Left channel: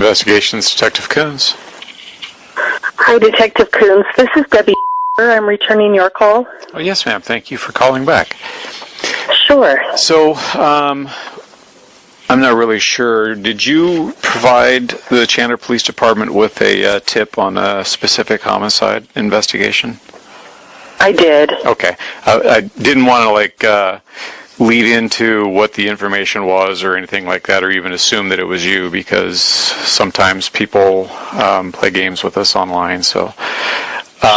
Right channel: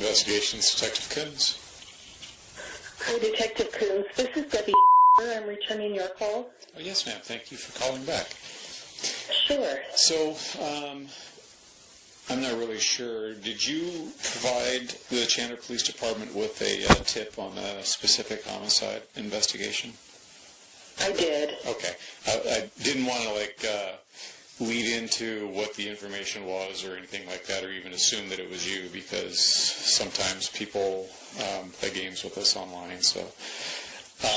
Investigations, Detective Coons. Hi, Detective Coons. This is Debbie. I'm returning your call. Oh, yes, ma'am. Thank you for calling back. Sure. So, I'm not really sure. Did you provide the Chandler Police Department with a tip on a specific homicide investigation? I did. Okay. I didn't want to, lead into what the information was or anything like that, or even assume that it was you, because sometimes people play games with us online. So,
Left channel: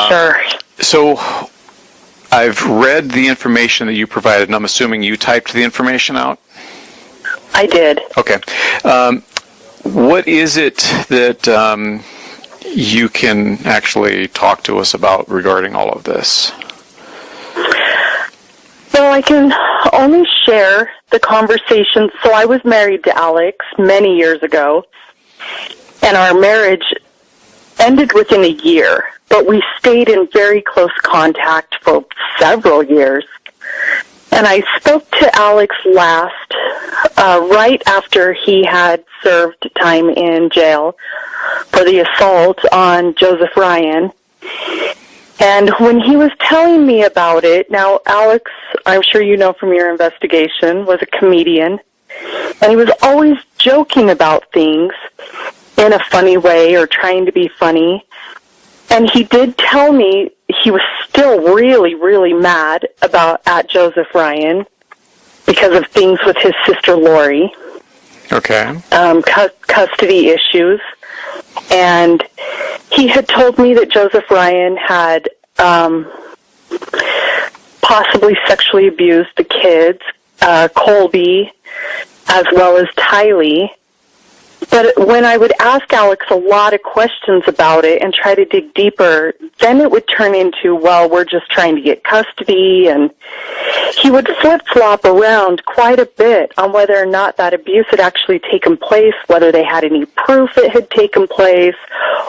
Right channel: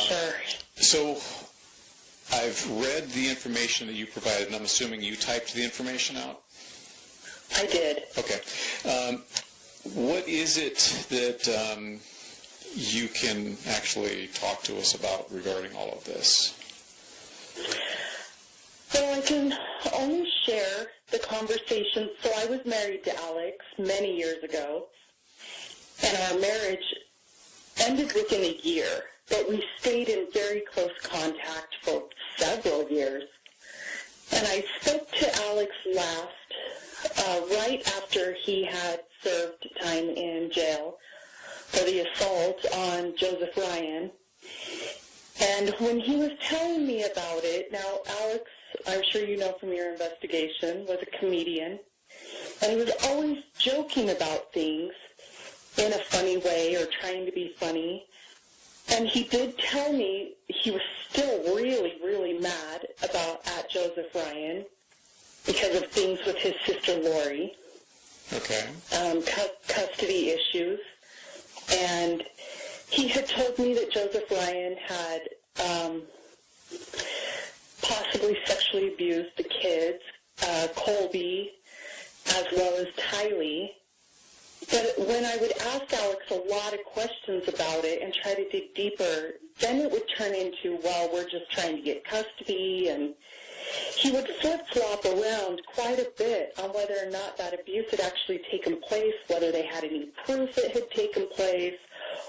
Sure. So, I've read the information that you provided, and I'm assuming you typed the information out? I did. Okay. What is it that you can actually talk to us about regarding all of this? Well, I can only share the conversation. So I was married to Alex many years ago, and our marriage ended within a year, but we stayed in very close contact for several years. And I spoke to Alex last, right after he had served time in jail for the assault on Joseph Ryan. And when he was telling me about it, now Alex, I'm sure you know from your investigation, was a comedian. And he was always joking about things in a funny way or trying to be funny. And he did tell me he was still really, really mad at Joseph Ryan because of things with his sister Lori. Okay. Custody issues. And he had told me that Joseph Ryan had possibly sexually abused the kids, Colby, as well as Tylee. But when I would ask Alex a lot of questions about it and try to dig deeper, then it would turn into, well, we're just trying to get custody, and he would flip-flop around quite a bit on whether or not that abuse had actually taken place, whether they had any proof it had taken place,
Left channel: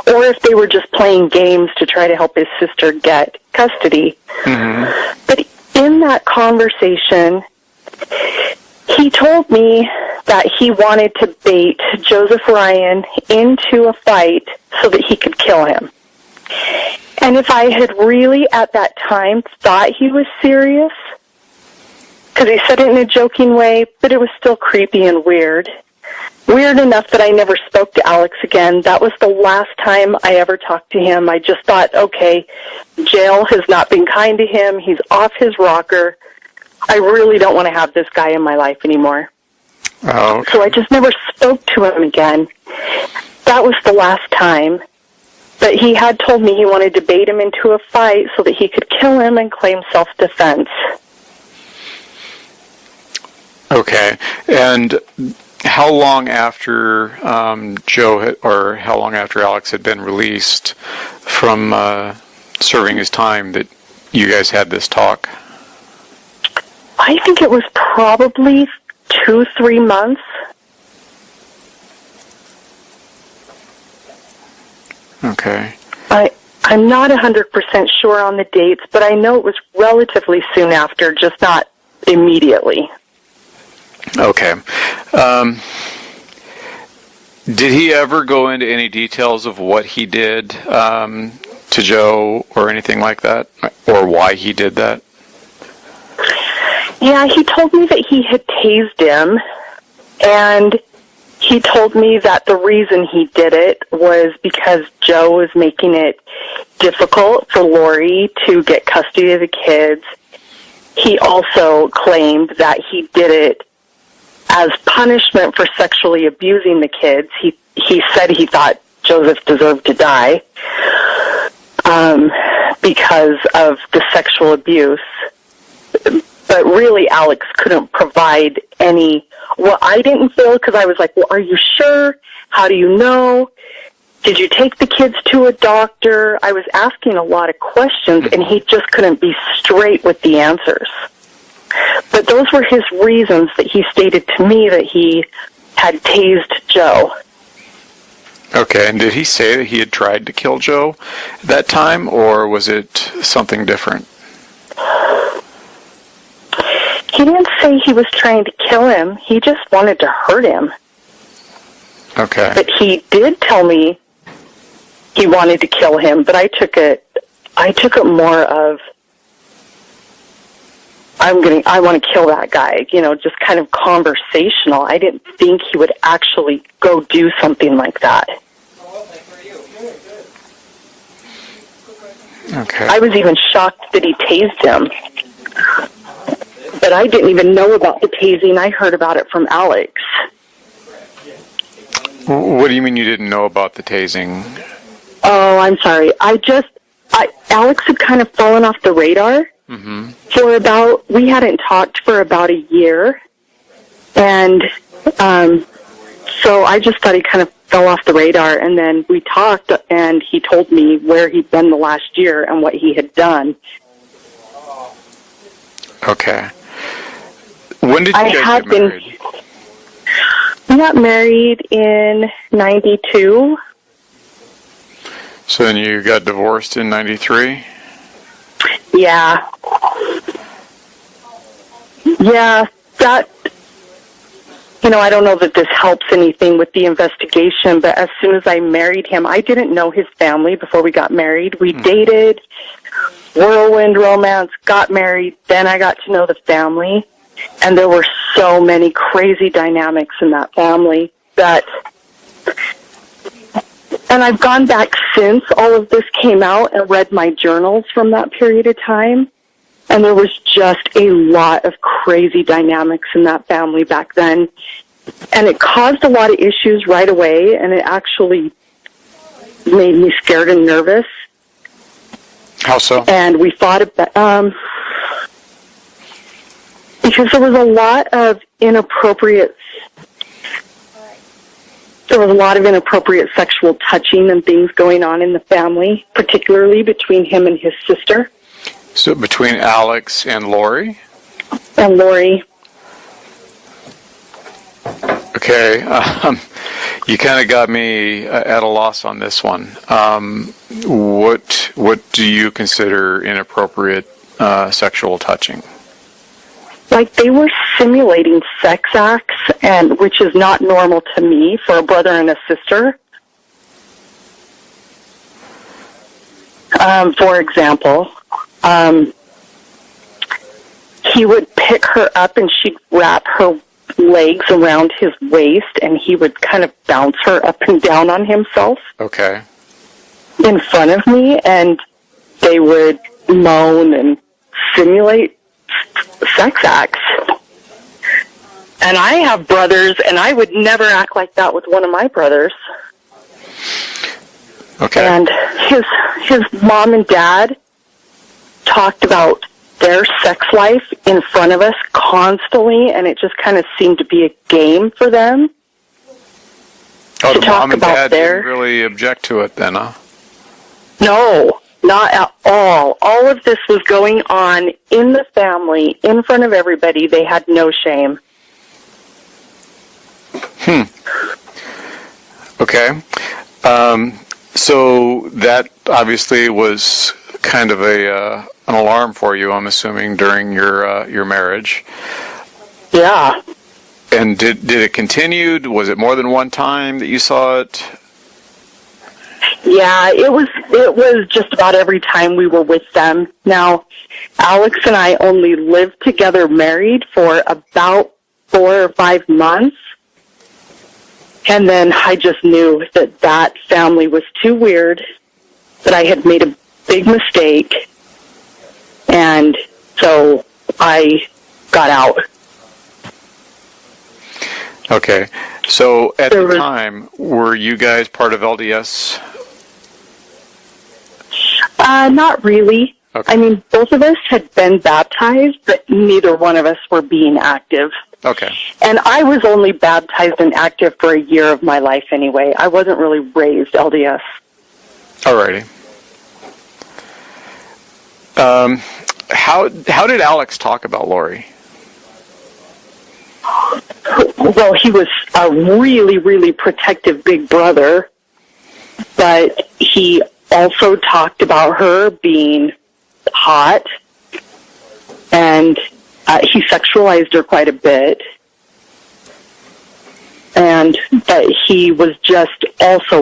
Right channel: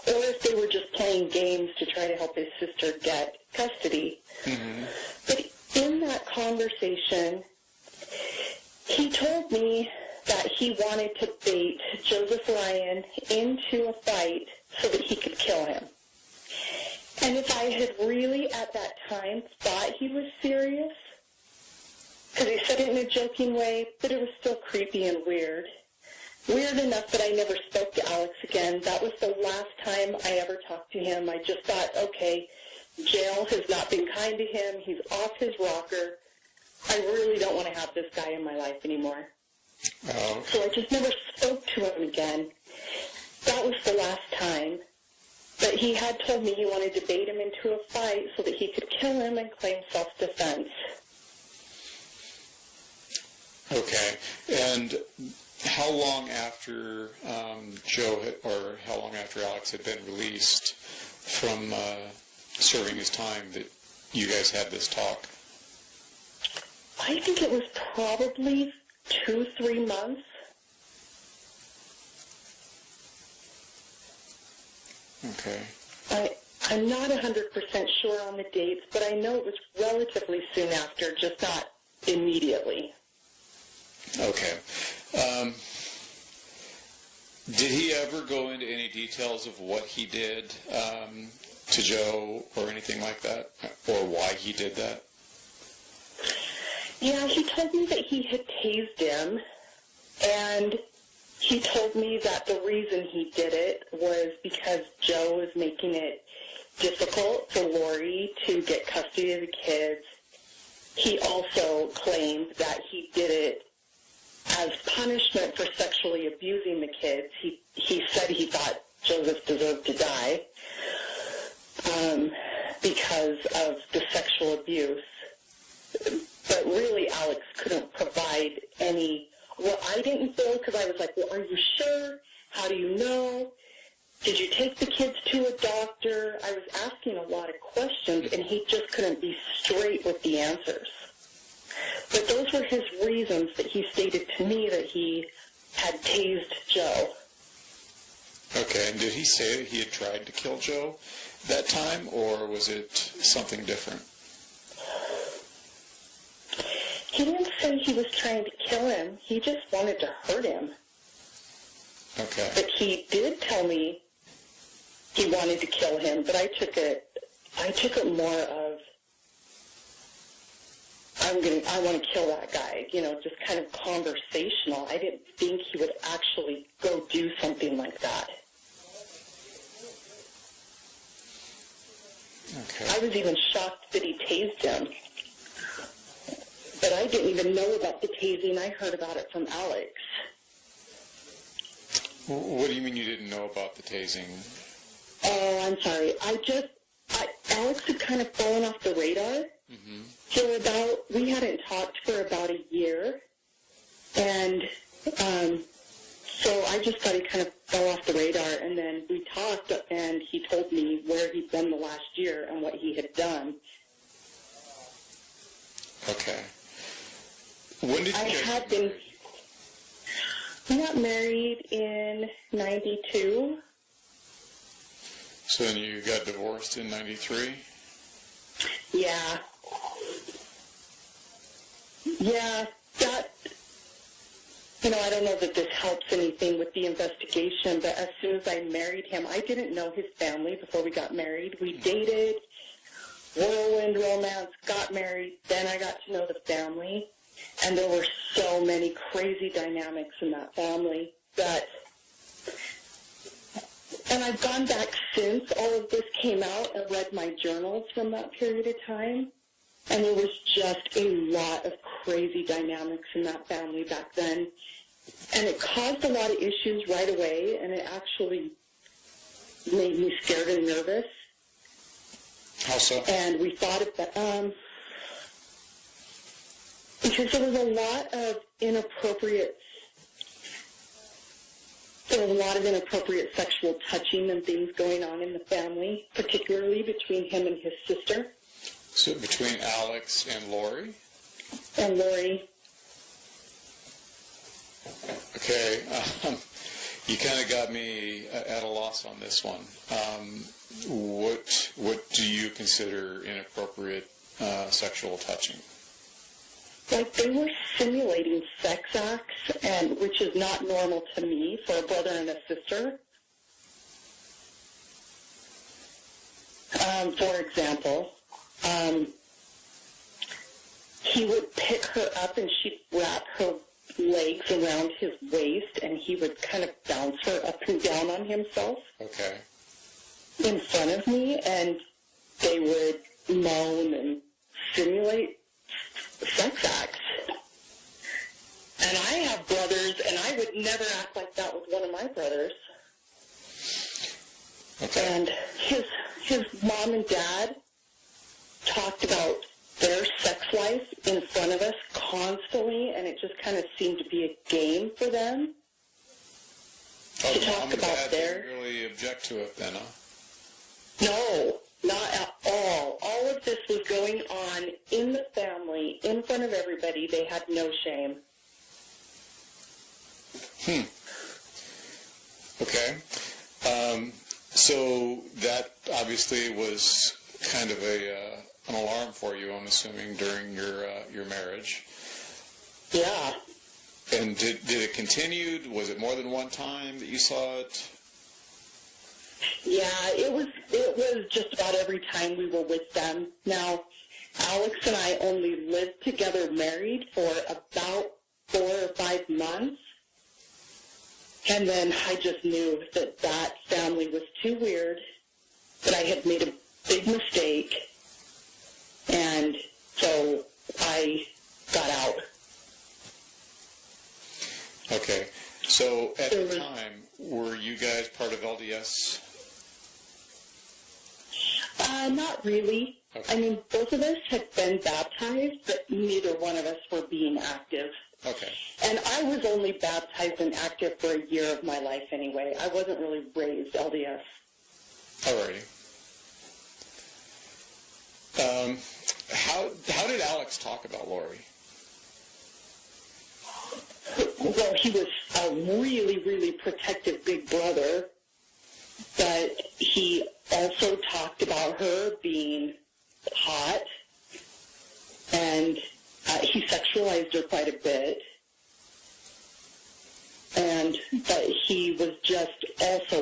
or if they were just playing games to try to help his sister get custody. Mm-hmm. But in that conversation, he told me that he wanted to bait Joseph Ryan into a fight so that he could kill him. And if I had really at that time thought he was serious, because he said it in a joking way, but it was still creepy and weird. Weird enough that I never spoke to Alex again. That was the last time I ever talked to him. I just thought, okay, jail has not been kind to him. He's off his rocker. I really don't want to have this guy in my life anymore. Oh, okay. So I just never spoke to him again. That was the last time. But he had told me he wanted to bait him into a fight so that he could kill him and claim self-defense. Okay. And how long after how long after Alex had been released from serving his time that you guys had this talk? I think it was probably 2-3 months. Okay. I'm not 100% sure on the dates, but I know it was relatively soon after, just not immediately. Okay. Did he ever go into any details of what he did to Joe or anything like that, or why he did that? Yeah, he told me that he had tased him, and he told me that the reason he did it was because Joe was making it difficult for Lori to get custody of the kids. He also claimed that he did it as punishment for sexually abusing the kids. He said he thought Joseph deserved to die because of the sexual abuse. But really, Alex couldn't provide any. Well, I didn't feel, because I was like, well, are you sure? How do you know? Did you take the kids to a doctor? I was asking a lot of questions, and he just couldn't be straight with the answers. But those were his reasons that he stated to me that he had tased Joe. Okay, and did he say that he had tried to kill Joe at that time, or was it something different? He didn't say he was trying to kill him. He just wanted to hurt him. Okay. But he did tell me he wanted to kill him, but I took it more of, I want to kill that guy, just kind of conversational. I didn't think he would actually go do something like that. Okay. I was even shocked that he tased him. But I didn't even know about the tasing. I heard about it from Alex. What do you mean you didn't know about the tasing? Oh, I'm sorry. Alex had kind of fallen off the radar we hadn't talked for about a year. And so I just thought he kind of fell off the radar. And then we talked, and he told me where he'd been the last year and what he had done. Okay. When did you guys get married? We got married in 92. So then you got divorced in 93? Yeah. Yeah, that, I don't know that this helps anything with the investigation, but as soon as I married him, I didn't know his family before we got married. We dated, whirlwind romance, got married, then I got to know the family, and there were so many crazy dynamics in that family and I've gone back since all of this came out and read my journals from that period of time, and there was just a lot of crazy dynamics in that family back then, and it caused a lot of issues right away, and it actually made me scared and nervous. How so? And we fought about, because there was a lot of inappropriate sexual touching and things going on in the family, particularly between him and his sister. So between Alex and Lori? And Lori. Okay. You kind of got me at a loss on this one. What do you consider inappropriate sexual touching? Like, they were simulating sex acts, and which is not normal to me for a brother and a sister. For example, he would pick her up and she'd wrap her legs around his waist, and he would kind of bounce her up and down on himself. Okay. In front of me, and they would moan and simulate sex acts. And I have brothers, and I would never act like that with one of my brothers. Okay. And his mom and dad talked about their sex life in front of us constantly, and it just kind of seemed to be a game for them. Oh, to the talk mom and about dad their... didn't really object to it then, huh? No, not at all. All of this was going on in the family, in front of everybody. They had no shame. Okay. So that obviously was kind of an alarm for you, I'm assuming, during your marriage. Yeah. And did it continue? Was it more than one time that you saw it? Yeah, it was just about every time we were with them. Now, Alex and I only lived together married for about 4 or 5 months. And then I just knew that family was too weird, that I had made a big mistake. And so I got out. Okay. So at the time, were you guys part of LDS? Not really. Okay. I mean, both of us had been baptized, but neither one of us were being active. Okay. And I was only baptized and active for a year of my life anyway. I wasn't really raised LDS. Alrighty. How did Alex talk about Lori? Well, he was a really, really protective big brother, but he also talked about her being hot, and he sexualized her quite a bit. and that he was just also